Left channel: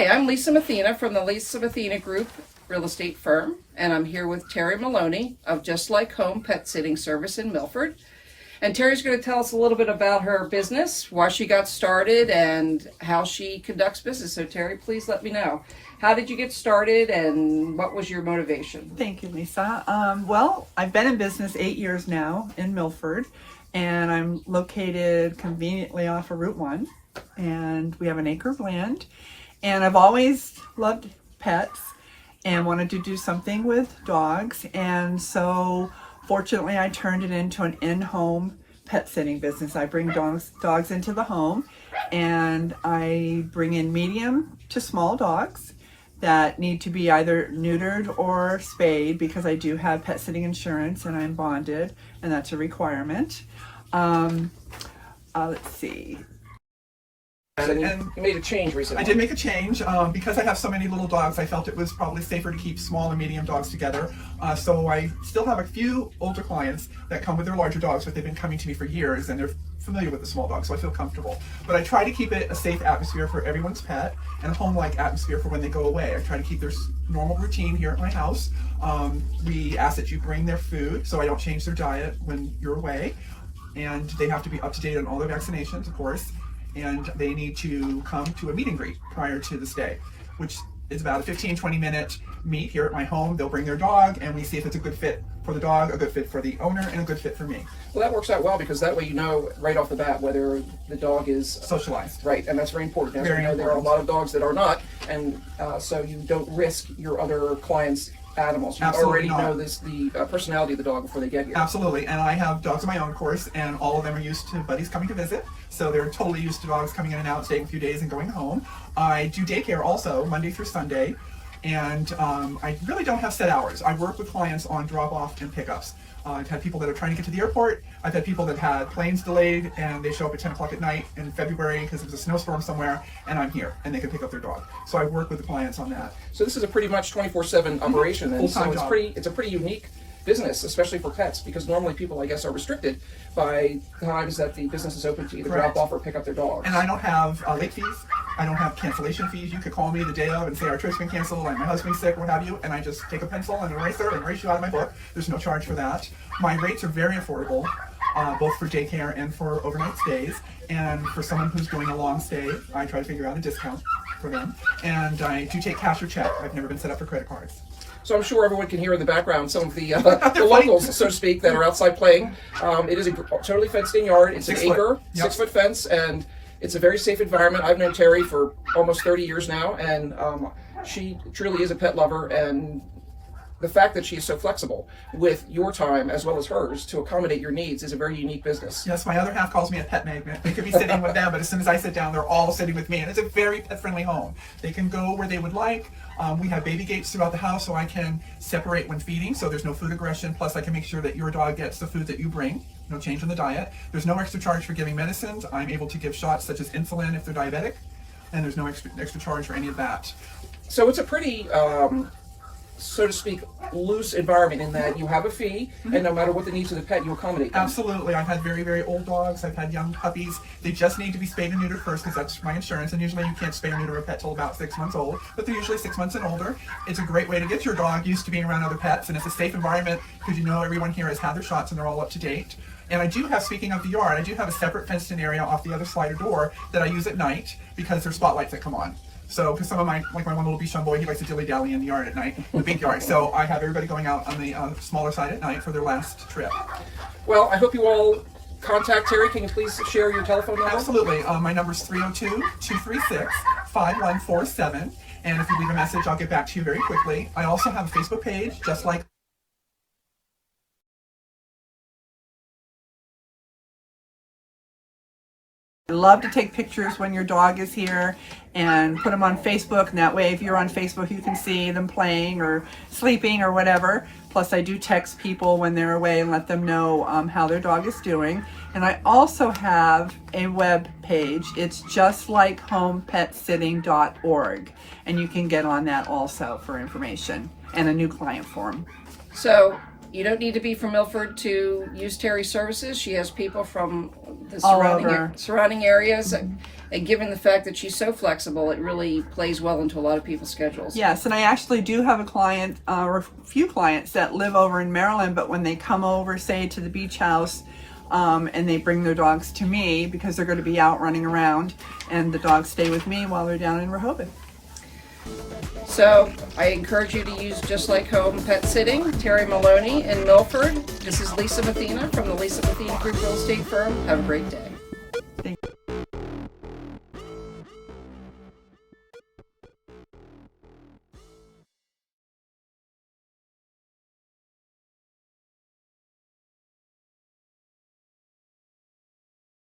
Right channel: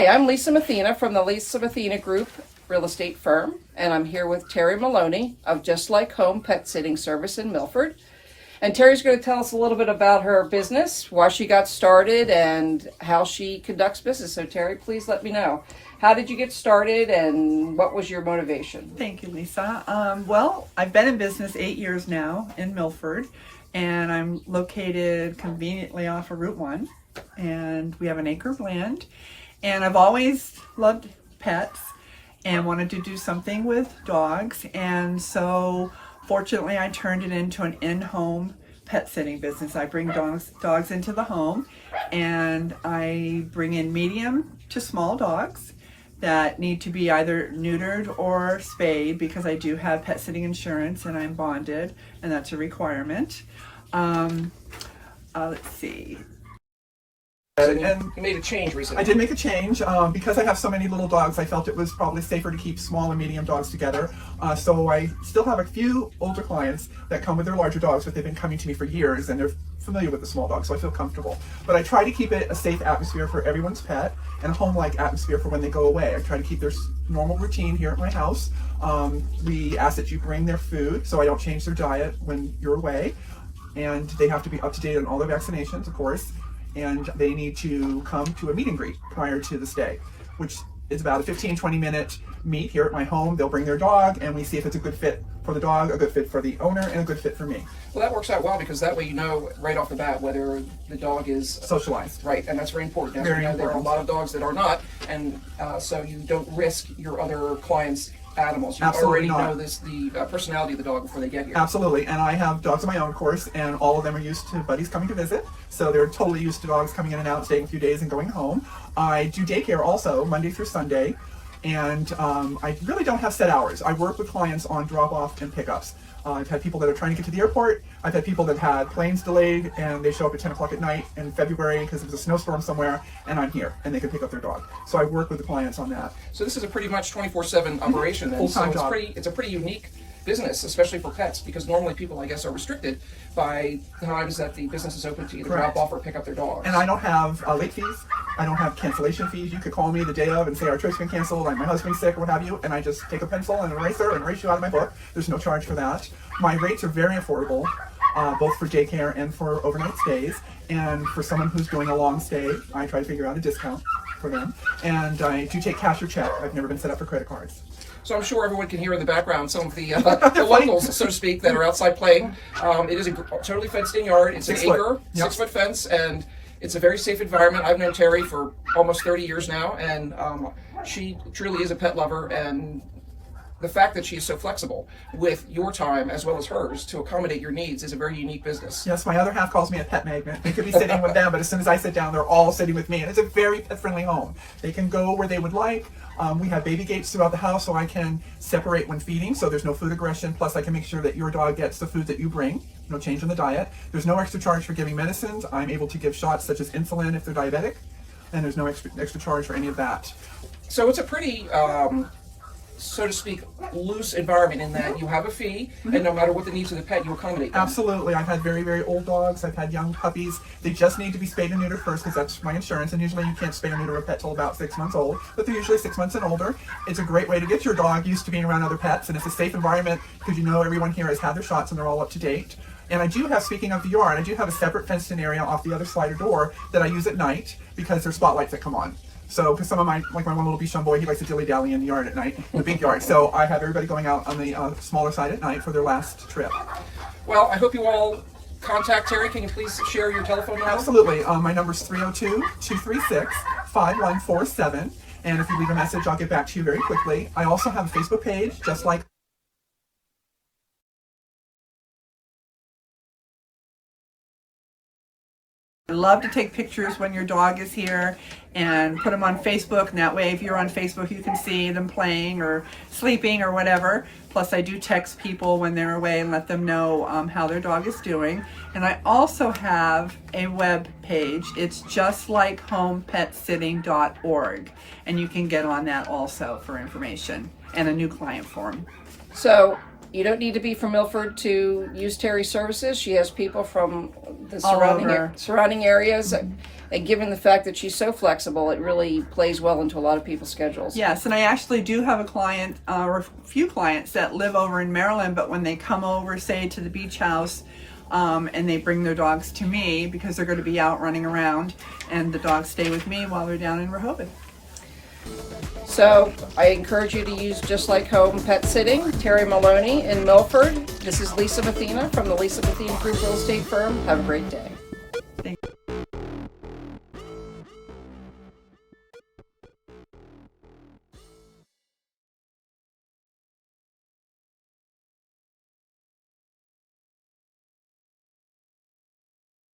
Hi, I'm Lisa Mathena from the Lisa Mathena Group real estate firm, and I'm here with Terry Maloney of Just Like Home Pet Sitting Service in Milford. And Terry's going to tell us a little bit about her business, why she got started, and how she conducts business. So Terry, please let me know. How did you get started, and what was your motivation? Thank you, Lisa. Well, I've been in business 8 years now in Milford, and I'm located conveniently off of Route 1, and we have an acre of land. And I've always loved pets and wanted to do something with dogs, and so fortunately I turned it into an in-home pet sitting business. I bring dogs into the home, and I bring in medium to small dogs that need to be either neutered or spayed, because I do have pet sitting insurance and I'm bonded, and that's a requirement. Let's see. And you made a change recently. I did make a change because I have so many little dogs. I felt it was probably safer to keep small and medium dogs together. So I still have a few older clients that come with their larger dogs, but they've been coming to me for years and they're familiar with the small dogs, so I feel comfortable. But I try to keep it a safe atmosphere for everyone's pet and a home-like atmosphere for when they go away. I try to keep their normal routine here at my house. We ask that you bring their food, so I don't change their diet when you're away. And they have to be up to date on all their vaccinations, of course. And they need to come to a meet and greet prior to the stay, which is about a 15-20 minute meet here at my home. They'll bring their dog and we see if it's a good fit for the dog, a good fit for the owner, and a good fit for me. Well, that works out well, because that way you know right off the bat whether the dog is socialized. Right, and that's very important. As Very we know, important. there are a lot of dogs that are not, and so you don't risk your other clients' animals. You Absolutely already not. know the personality of the dog before they get here. Absolutely, and I have dogs of my own, of course, and all of them are used to buddies coming to visit, so they're totally used to dogs coming in and out, staying a few days and going home. I do daycare also, Monday through Sunday, and I really don't have set hours. I work with clients on drop-off and pickups. I've had people that are trying to get to the airport. I've had people that had planes delayed and they show up at 10 o'clock at night in February because there was a snowstorm somewhere, and I'm here and they can pick up their dog. So I work with the clients on that. So this is a pretty much 24/7 operation, and Full-time so job. it's a pretty unique business, especially for pets, because normally people, I guess, are restricted by times that the business is open to either Correct. drop off or pick up their dogs. And I don't have late fees. I don't have cancellation fees. You could call me the day of and say our trip's been canceled, like my husband's sick or what have you, and I just take a pencil and an eraser and erase you out of my book. There's no charge for that. My rates are very affordable, both for daycare and for overnight stays. And for someone who's doing a long stay, I try to figure out a discount for them. And I do take cash or check. I've never been set up for credit cards. So I'm sure everyone can hear in the background some of the locals, so to speak, that are outside playing. It is a totally fenced-in yard. It's an acre, 6-foot fence, and it's a very safe environment. I've known Terry for almost 30 years now, and she truly is a pet lover, and the fact that she's so flexible with your time as well as hers to accommodate your needs is a very unique business. Yes, my other half calls me a pet magnet. They could be sitting with them, but as soon as I sit down, they're all sitting with me. And it's a very pet-friendly home. They can go where they would like. We have baby gates throughout the house, so I can separate when feeding, so there's no food aggression. Plus, I can make sure that your dog gets the food that you bring. No change in the diet. There's no extra charge for giving medicines. I'm able to give shots such as insulin if they're diabetic, and there's no extra charge for any of that. So it's a pretty, so to speak, loose environment in that you have a fee, and no matter what the needs of the pet, you accommodate them. Absolutely. I've had very old dogs. I've had young puppies. They just need to be spayed and neutered first because that's my insurance. And usually you can't spay and neuter a pet till about 6 months old, but they're usually 6 months and older. It's a great way to get your dog used to being around other pets, and it's a safe environment because you know everyone here has had their shots and they're all up to date. And I do have, speaking of the yard, I do have a separate fenced-in area off the other slider door that I use at night because there's spotlights that come on. So, because some of my, like my one little Bichon boy, he likes to dilly-dally in the yard at night, the big yard. So I have everybody going out on the smaller side at night for their last trip. Well, I hope you all contact Terry. Can you please share your telephone number? Absolutely. My number is 302-236-5147. And if you leave a message, I'll get back to you very quickly. I also have a Facebook page, Just Like I love to take pictures when your dog is here and put them on Facebook, and that way if you're on Facebook you can see them playing or sleeping or whatever. Plus I do text people when they're away and let them know how their dog is doing. And I also have a web page. It's justlikehomepetsitting.org, and you can get on that also for information and a new client form. So you don't need to be from Milford to use Terry's services. She has people from the surrounding areas. And given the fact that she's so flexible, it really plays well into a lot of people's schedules. Yes, and I actually do have a client, or a few clients that live over in Maryland, but when they come over, say, to the beach house, and they bring their dogs to me because they're going to be out running around, and the dogs stay with me while they're down in Rehoboth. So I encourage you to use Just Like Home Pet Sitting. Terry Maloney in Milford. This is Lisa Mathena from the Lisa Mathena Group Real Estate Firm. Have a great day.